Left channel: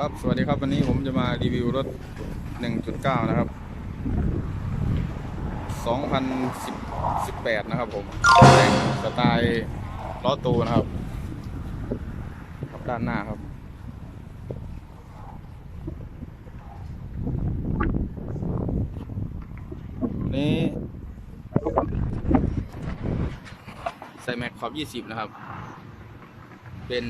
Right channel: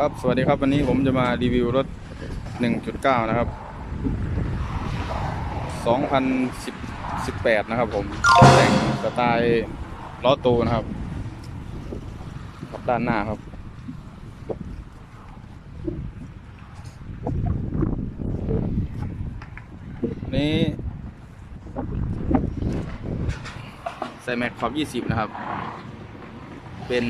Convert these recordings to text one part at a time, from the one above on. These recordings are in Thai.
ครับสวัสดีครับวันนี้ผมจะมารีวิวรถ 1.9 นะครับ 2018 นะครับผมแต่งสไตล์ล้อตูนะครับกับด้านหน้าครับ นี้ ใส่แม็กขอบ 20 นะครับ เป็น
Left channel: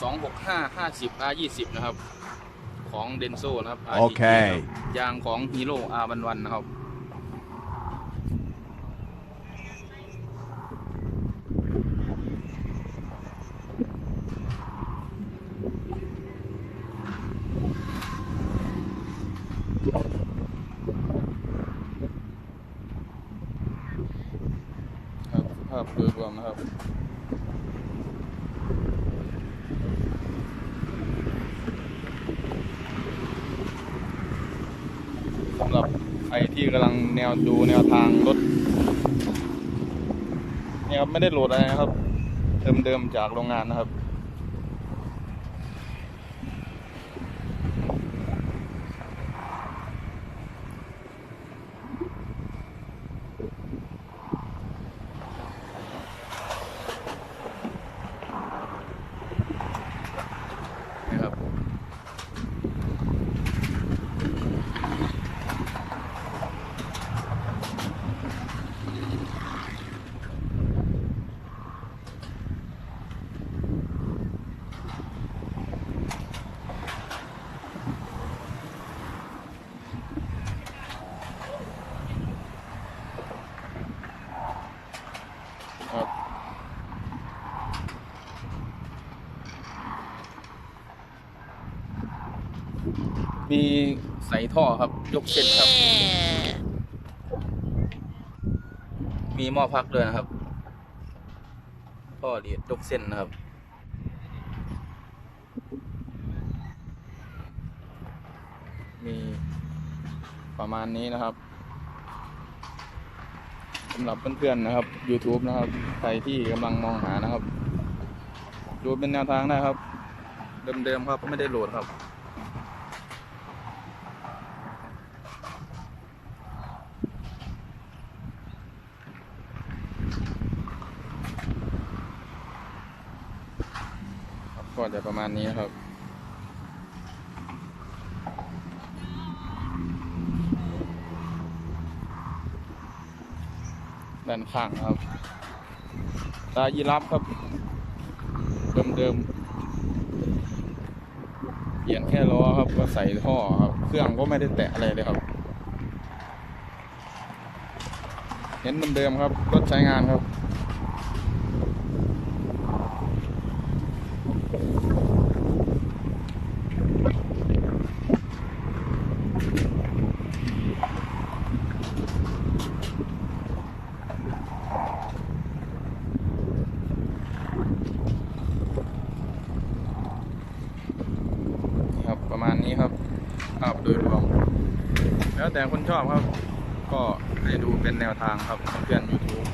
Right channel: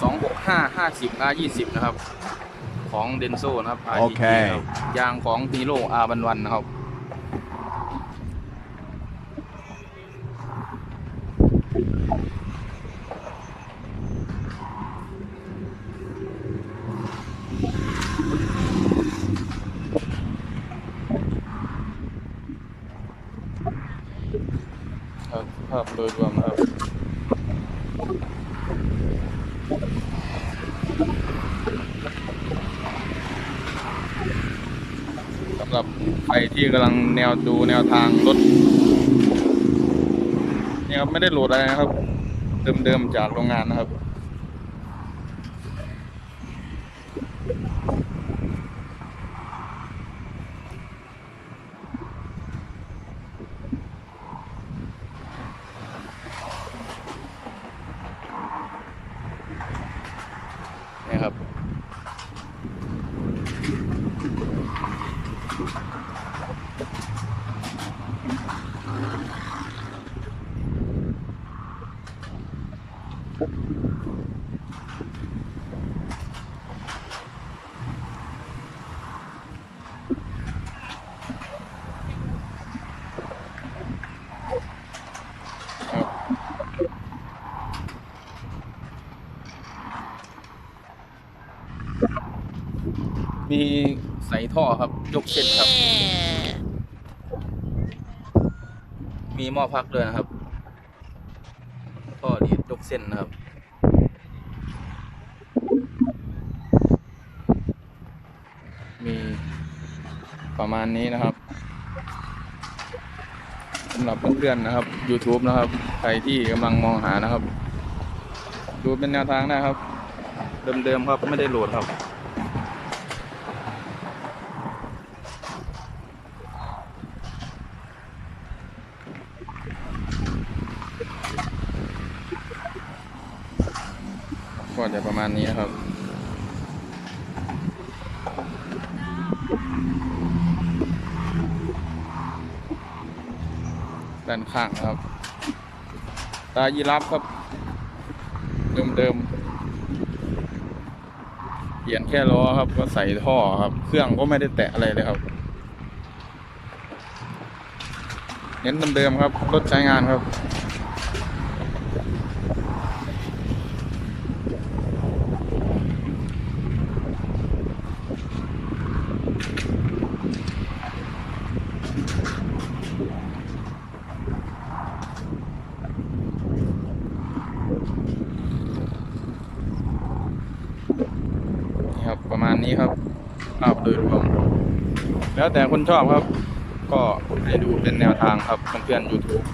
265 50 R 20นะครับ ของเดนโซนะครับ RGG โอเคครับยางของฮีโร่ R วันวันนะครับ ครับภาพโดยรวมนะครับ สำหรับใครที่กำลังแนวดูแนวทางรถนี่ครับไม่ได้โหลดอะไรนะครับ เดิมๆจากโรงงานนะครับ มีใส่ท่อครับยกเส้นครับ มีหม้อพักด้วยนะครับท่อดีดยกเส้นนะครับมีประมาณนี้นะครับสำหรับเพื่อนๆนะครับ YouTube นะครับ ใครที่กำลังมองหานะครับ ดูเป็นแนวทางได้ครับ เดิมๆครับไม่ได้โหลดครับ ก็จะประมาณนี้นะครับ ด้านข้างครับ ตายีรับครับ เดิมๆ เปลี่ยนแค่ล้อครับ ก็ใส่ท่อครับ เครื่องก็ไม่ได้แตะอะไรเลยครับ เน้นเดิมๆครับ รถใช้งานครับ นี่ครับ ประมาณ นี้ครับภาพโดยรวม แล้วแต่คนชอบครับ ก็ให้ดูเป็นแนวทางครับเพื่อนๆ YouTube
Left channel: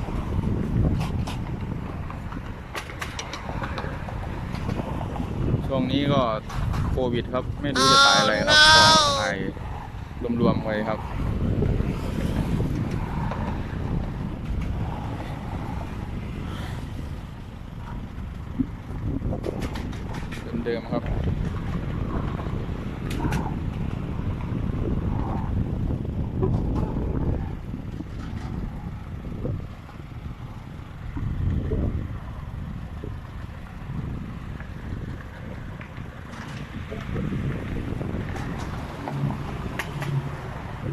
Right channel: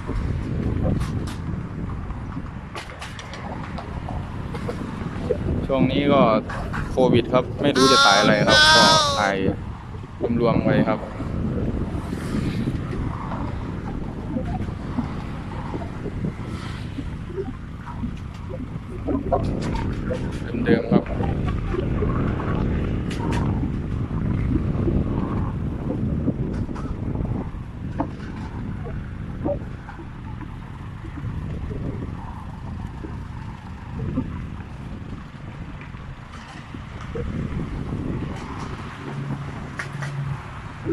ช่วงนี้ก็โควิดครับ ไม่รู้จะถ่ายอะไรครับก็ถ่ายรวมๆไว้ครับเดิมๆครับ ครั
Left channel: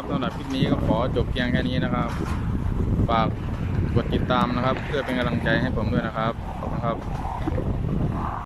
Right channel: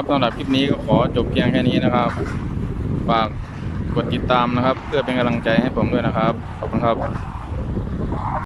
บสำหรับคลิปนี้ก็ขอจบเพียงแค่นี้นะครับ ฝากกดติดตามนะครับ เพื่อเป็นกำลังใจให้ผมด้วยนะครับ ขอบคุณครับ